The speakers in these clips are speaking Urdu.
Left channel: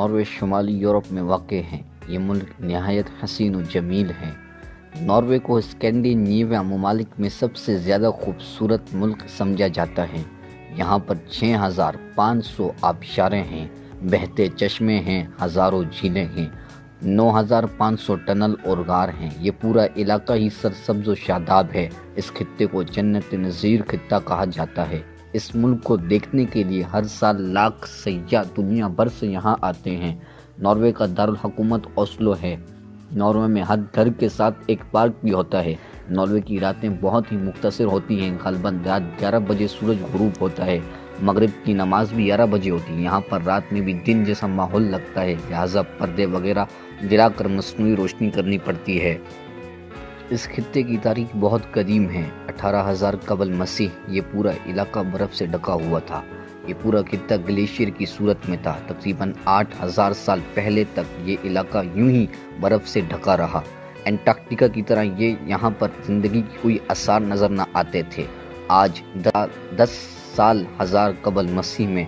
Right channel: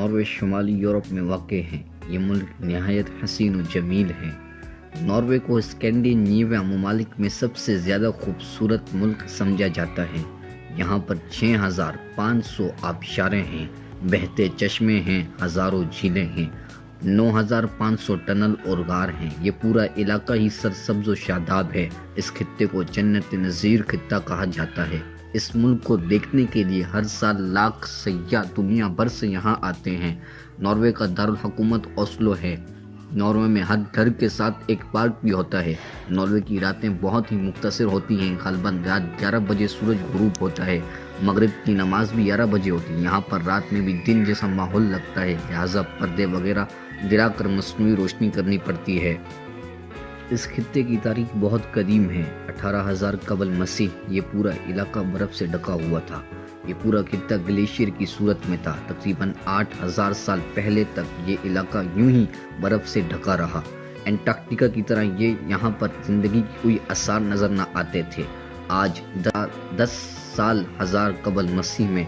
ناروے شمالی یورپ میں واقع ہے۔ یہ ملک نہایت حسین و جمیل ہے۔ ناروے کو اسکینڈینیویا ممالک میں سب سے زیادہ خوبصورت ملک سمجھا جاتا ہے۔ یہاں پر 6500 آبشاریں ہیں، بہتے چشمے ہیں، ہزاروں جھیلیں ہیں، 9500 ٹنل اور غار ہیں۔ یہ پورا علاقہ ہی سرسبز و شاداب ہے۔ اس خطے کو جنت نظیر خطہ کہا جاتا ہے۔ اس ملک کو دیکھنے کے لیے ہر سال لاکھ سیاح دنیا بھر سے یہاں آتے ہیں۔ ناروے کا دارالحکومت اوسلو ہے۔ ناروے میں ہر گھر کے ساتھ ایک پارک بھی ہوتا ہے۔ ناروے کی راتیں بہت ہی مختصر ہوتی ہیں۔ غالباً رات 11 بجے سورج غروب ہوتا ہے۔ مغرب کی نماز بھی 11 بجے ہوتی ہے۔ یہاں پر رات میں بھی دن جیسا ماحول لگتا ہے، لہٰذا پردے وغیرہ گرا کر مصنوعی روشنی کرنی پڑتی ہے۔ اس خطے کی تاریخ بہت قدیم ہے۔ 18,000 قبل مسیح یہ پورا علاقہ برف سے ڈھکا ہوا تھا۔ یہ پورا خطہ گلیشیئر کی صورت میں تھا۔ تقریباً 8,000 سال پہلے تک یہ علاقہ یوں ہی برف سے ڈھکا رہا۔ انٹارکٹیکا کی طرح یہاں پر زندگی کی کوئی آثار نظر نہ آتے تھے۔ آج 10,000 قبل مسیح میں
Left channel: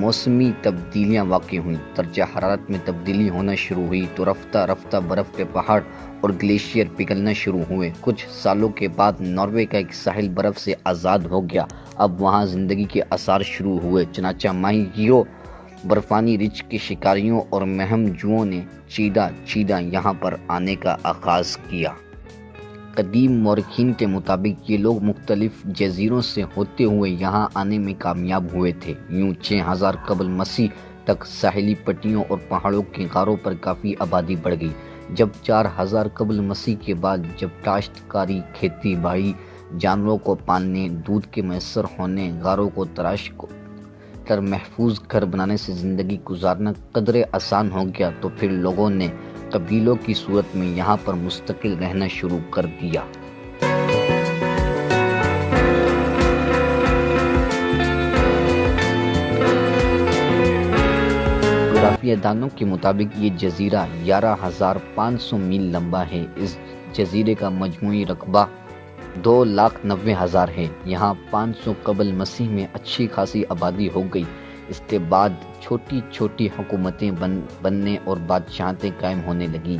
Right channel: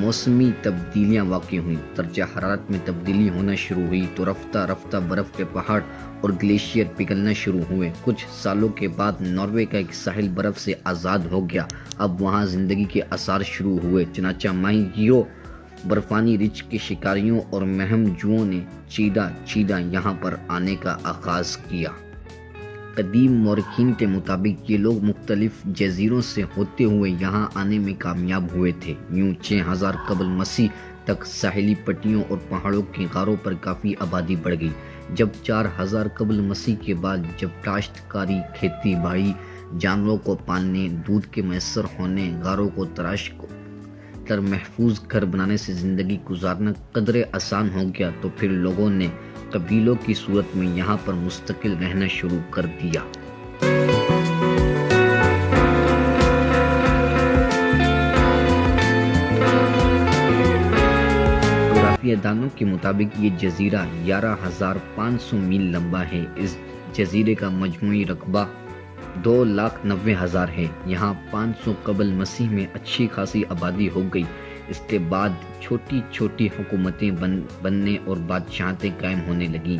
موسمی تبدیلیاں واقع ہوئیں۔ درجہ حرارت میں تبدیلی ہونا شروع ہوئی تو رفتہ رفتہ برف کے پہاڑ اور گلیشیئر پگھلنا شروع ہوئے۔ کچھ سالوں کے بعد ناروے کا ایک ساحل برف سے آزاد ہو گیا۔ اب وہاں زندگی کے آثار شروع ہوئے، چنانچہ ماہی گیروں، برفانی ریچھ کے شکاریوں اور مہم جوؤں نے چیدہ یہاں پر آنے کا آغاز کیا۔ قدیم مورخین کے مطابق یہ لوگ مختلف جزیروں سے ہوتے ہوئے یہاں آنے میں کامیاب ہوئے تھے۔ یوں 6,000 قبل مسیح تک ساحلی پٹیوں اور پہاڑوں کے غاروں پر کافی آبادی بڑھ گئی۔ جب 4,000 قبل مسیح کے بعد جب کاشت کاری، کھیتی باڑی، جانوروں کو پالنے، دودھ کے میسر ہونے، غاروں کو تراش کر محفوظ گھر بنانے سے زندگی گزارنا قدرے آسان ہو گیا تو پھر لوگوں نے قبیلوں کی صورت میں یہاں پر مستقل رہنا شروع کر دیا۔ جغرافیہ دانوں کے مطابق یہ جزیرہ 11,500 میل لمبا ہے۔ اس جزیرے کا مجموعی رقبہ 2,90,000 ہے۔ یہاں 500 قبل مسیح میں اچھی خاصی آبادی ہو گئی۔ اس کے بعد چھوٹی چھوٹی حکومتیں بننے اور بادشاہتیں قائم ہونے لگیں۔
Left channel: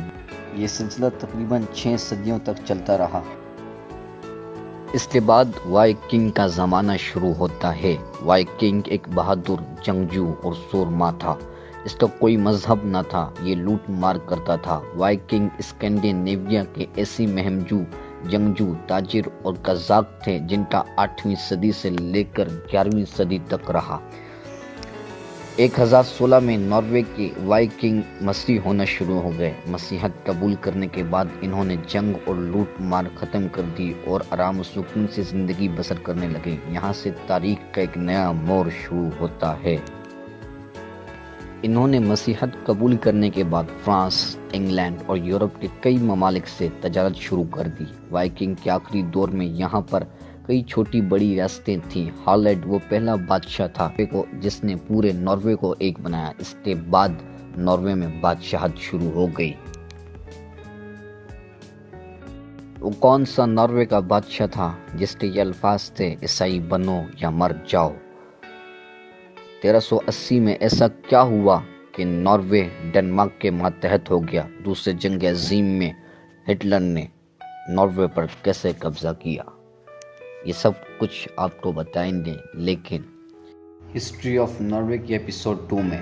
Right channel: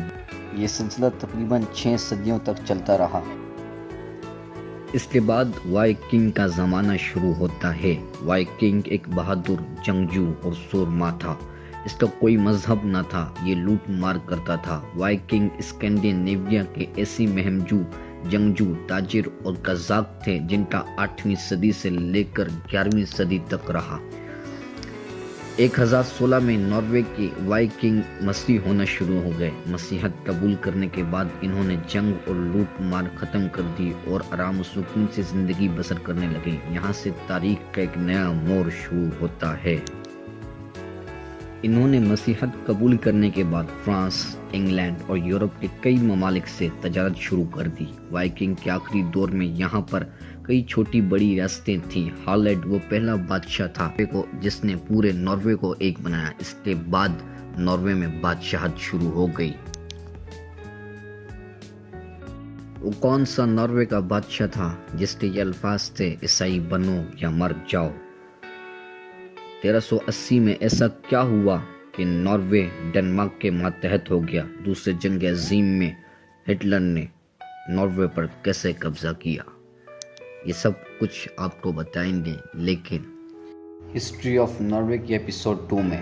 یہ سلسلہ تقریباً 6 صدیوں تک چلتا رہا۔ اس کے بعد وائکنگ کا زمانہ شروع ہوتا ہے۔ وائکنگ ایک بہادر جنگجو اور سورما تھا۔ اس کا کوئی مذہب نہ تھا، یہ لوٹ مار کرتا تھا۔ وائکنگ اسکینڈینیویا کے ایسی مہمجو جنگجو، تاجر اور قزاق تھے جن کا 8ویں صدی سے لے کر 11ویں صدی تک رہا۔ 1016 میں ناروے کے وائکنگ مسیحی ہونا شروع ہو گئے۔ مسیحیت قبول کرنے کے بعد انہوں نے جنگ اور لوٹ مار ختم کر دی اور آرام و سکون سے زندگی بسر کرنے لگے۔ یہاں سے تاریخ کا ایک نیا موڑ شروع ہوتا ہے۔ انہوں نے مسیحیت قبول کرنے کے بعد فرانس، انگلینڈ اور یورپ کے کئی ممالک سے تجارت شروع کر دی۔ وائکنگ کے آخری دور میں یہاں پر کئی چھوٹی بڑی ریاستیں تھیں۔ ہالینڈ وہ پہلا بادشاہ تھا جس نے پورے ناروے کو ایک بنایا۔ اس کے بعد ناروے میں بادشاہت شروع ہو گئی۔ وہ کون سا ناروے کا بادشاہ تھا جس کے یہ الفاظ تھے، عیسائی بنو یا مر جاؤ؟ 1380 میں ایسا کیا ہوا کہ ناروے ڈنمارک کے ماتحت ہو گیا؟ دوسری جنگ عظیم میں ہٹلر نے ناروے پر کیسے قبضہ کیا؟ یہ سب کچھ آپ کو بتائیں گے، لیکن ہسٹری آف ناروے کے ایپیسوڈ 2 میں